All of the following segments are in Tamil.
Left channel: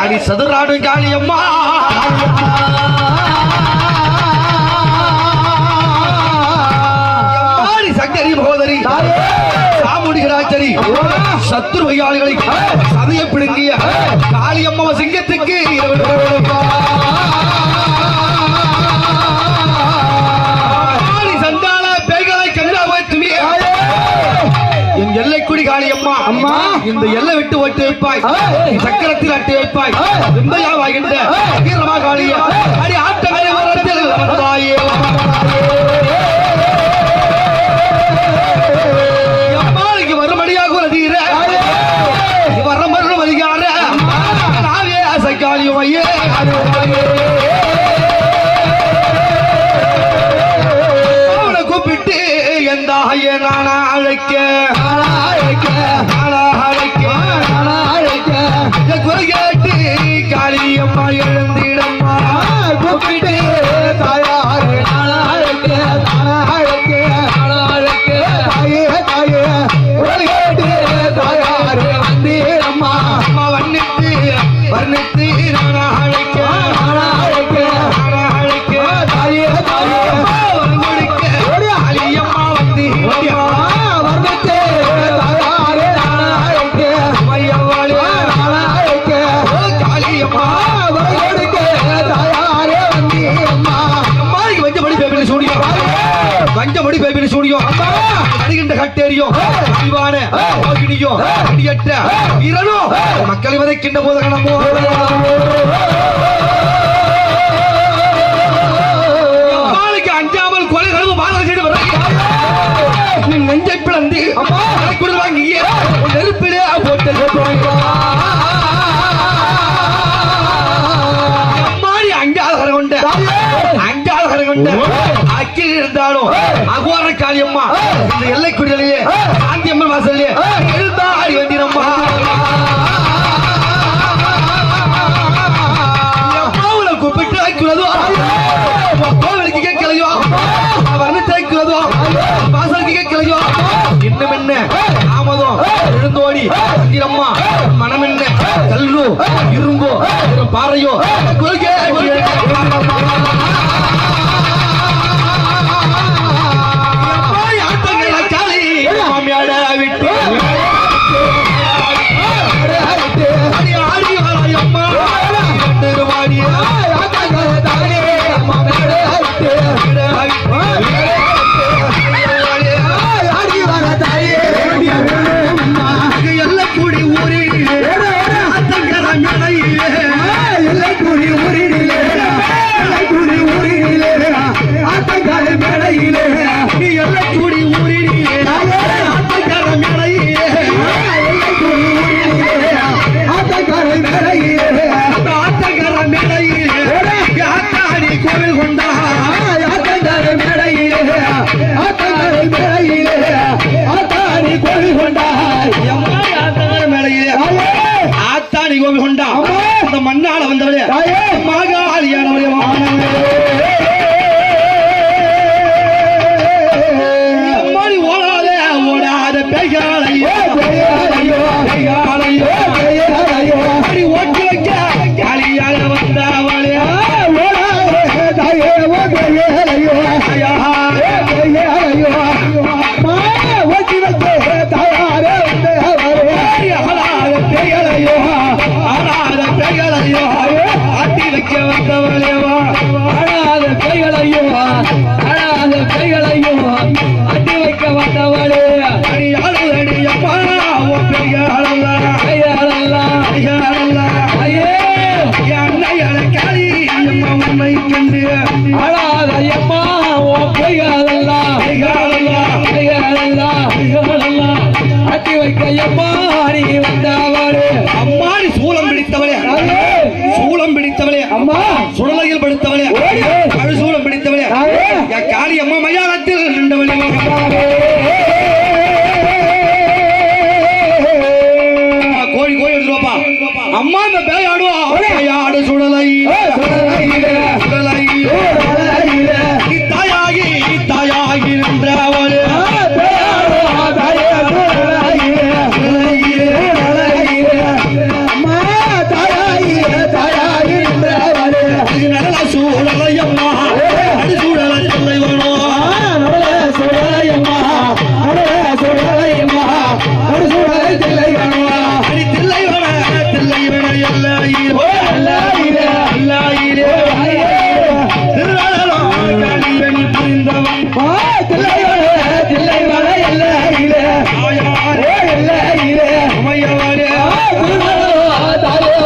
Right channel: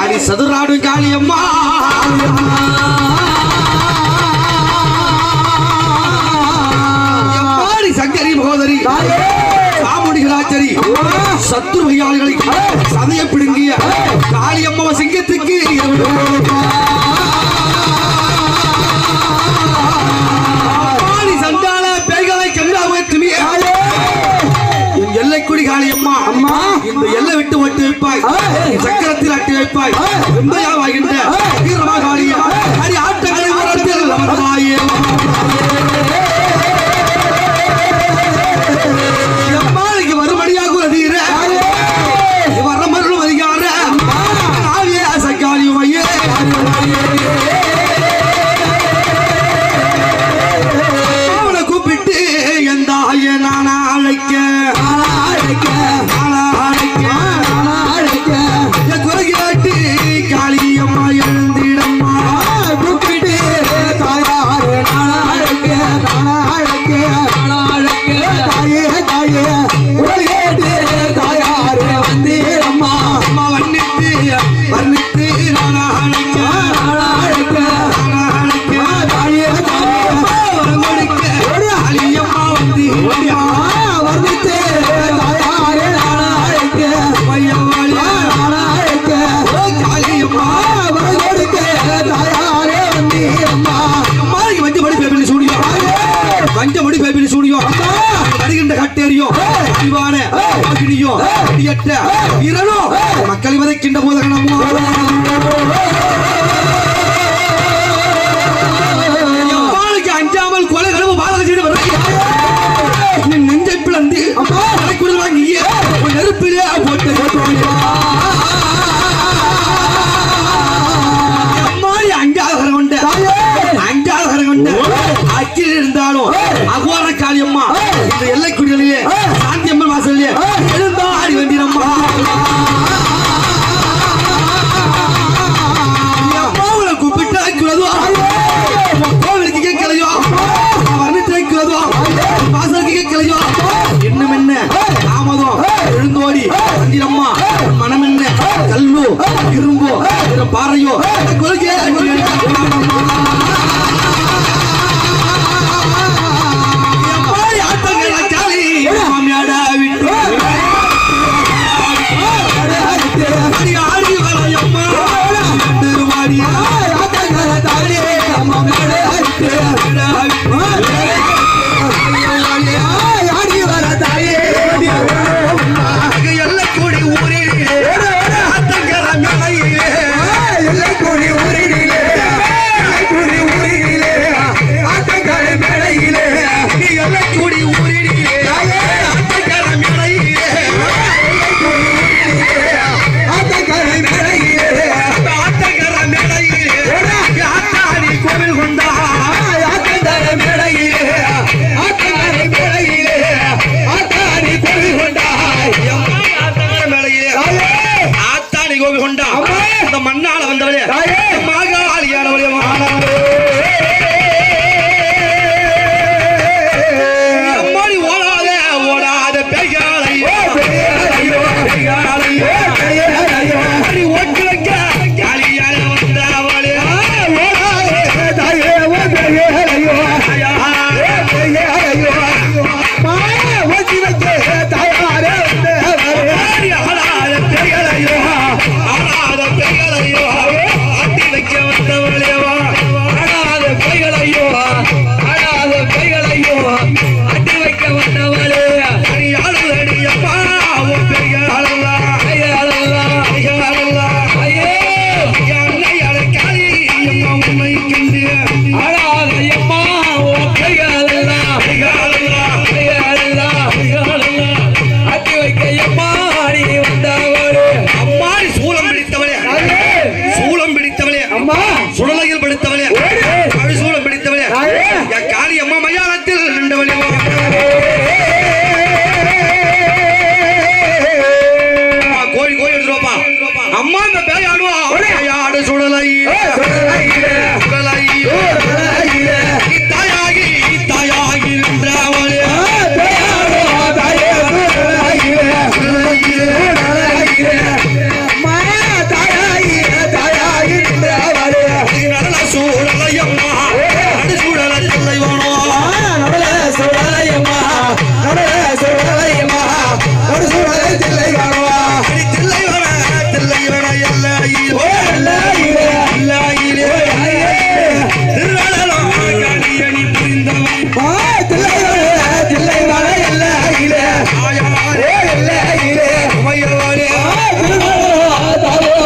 அடி சதுராடு காளி அம்மா. எம்மாடி சங்கரி மகோதரி. சாமுடிகராச்சரி சத்துரு கையாளிகளை சதைய பிடுங்கிய காளியம்மா சிங்கத்துக்கு இருபது இந்த எல்லை விட்டு ஒட்டு வைப்பாய். சக்கரத்தில் அட்டி வைப்பாய். எந்தையா வாகின்ற வீரமா காளிய அடி ஆட்டங்களை வரத்தில் வந்தாயே மறுபடியாக தீர. வர அதிகார. காளியே சக்காளியும் ஐயே கூப்பிட்டு எந்த ஐய நானா அழைக்க. நானா அழைக்க நானா அழைக்க. மக்களை வதைக்கின்ற போதகனமோ நம்ம கொண்ட அக்கில் இருந்தாலும் அகோர காளியம்மா இந்த எல்லைக்குடியிலேயே சாந்தியம்மன் வாசல்லே இருந்தா ஆடி வந்தீரம்மா கூப்பிட்டு வைக்கிறதோ கோவிலுக்கு கேட்கலையோ? வர்ணத்தை வைக்கிறதோ வாசலுக்கு கேட்கலையோ? இன்னும் என்ன? தாமதம். எழுந்தோடி. அம்மா. மனம் என்ன? கல்லோ இரும்போ பாறையோ. குறுக்கே எல்லக்கூடி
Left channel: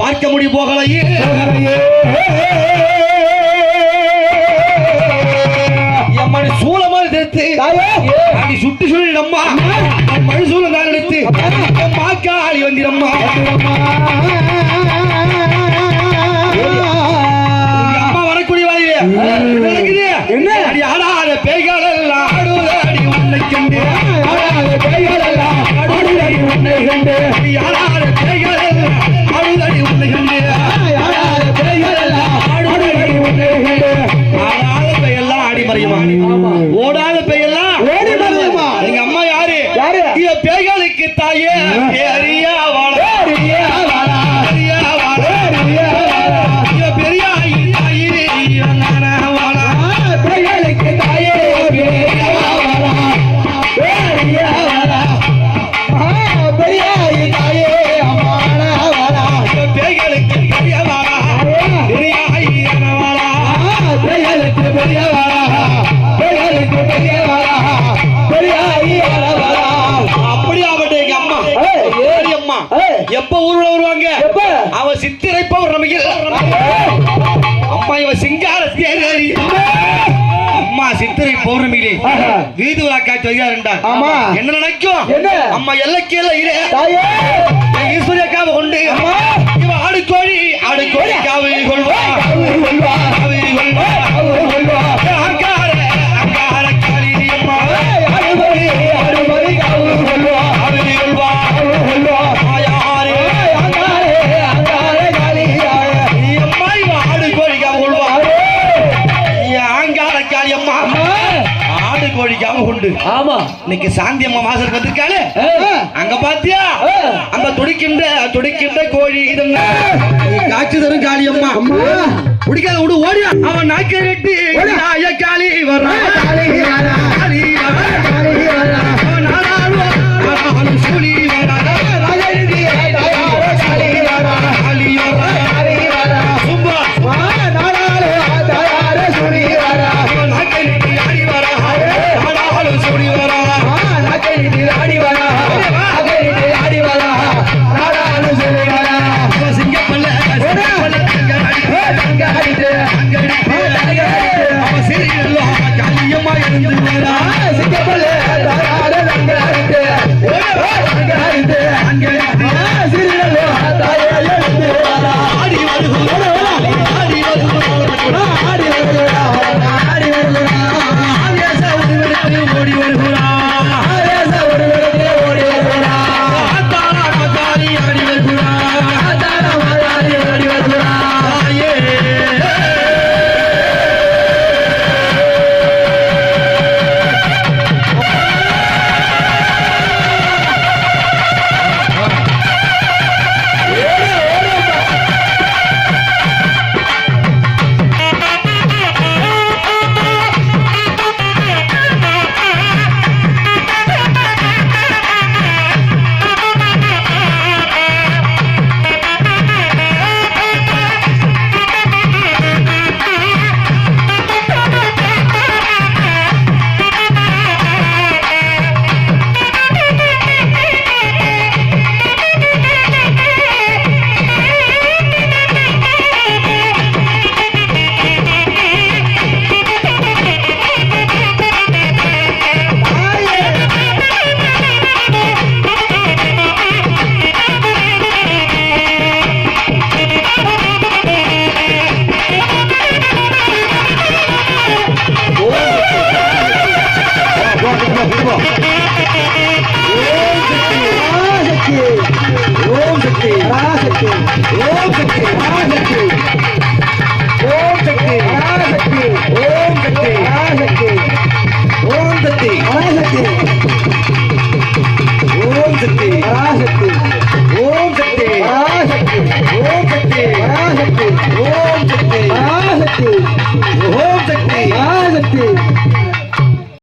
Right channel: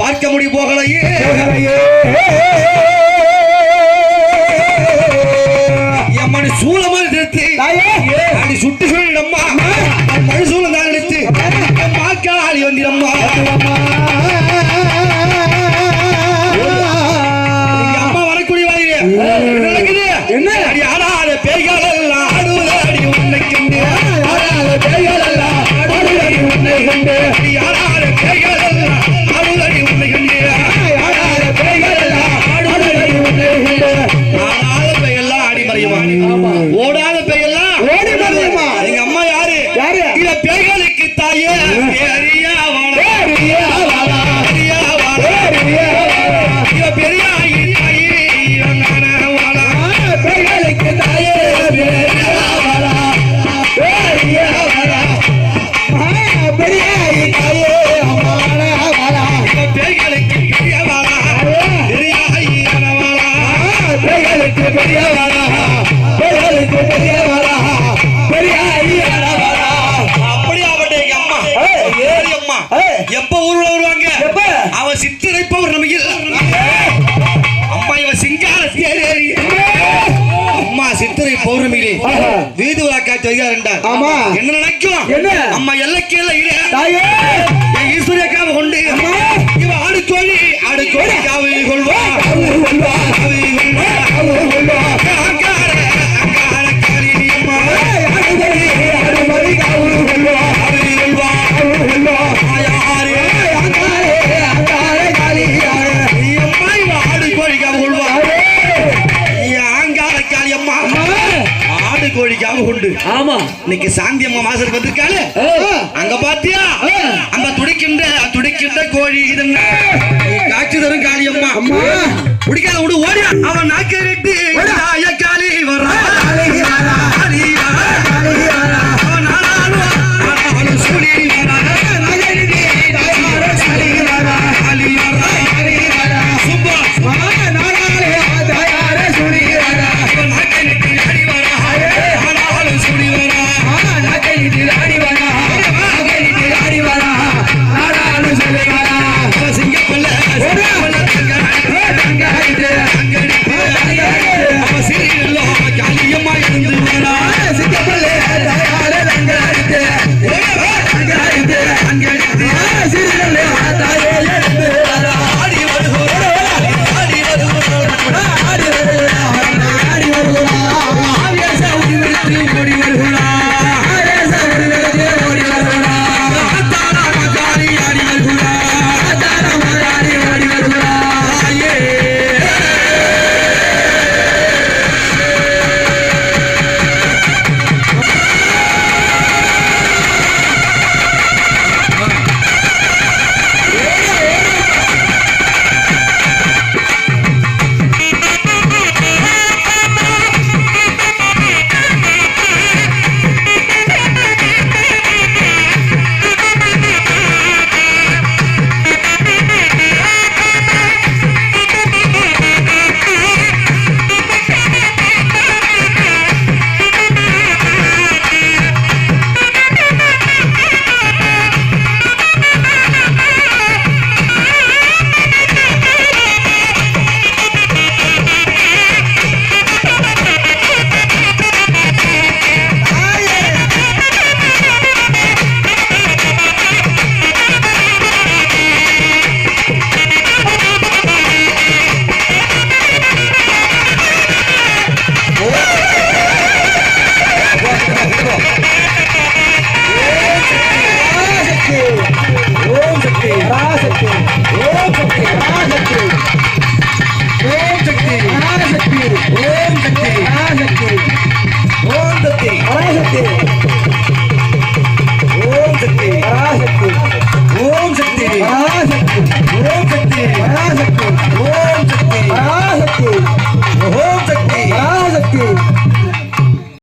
பார்க்க முடி போகலையே. எம்மனி சூழமா திருத்தி. அடி சுட்டு சொல்லி நம்மா மறுசூலம் தான் எடுத்து. மாக்காளி வந்திரம்மா எப்ப ஊர்ல வருவாங்க? அவ சித்திரைப்பவர் நமக்கு அம்மா இவ சிங்கார அம்மா சித்திரை பௌர்ணமியிலே வீதி விழா காட்சி ஆமா. என்ன நினைக்கும் அம்மா எல்லக்கையில இரு. ஈஸ்வரிய கொண்டு ஆடுக்கோழி ஆடுக்கோழி காவு கொள்வா காட்சி தரும் காளியம்மா. பிடிக்காத விடு ஓடியா அவன் நாக்கை வெட்டி காளி வர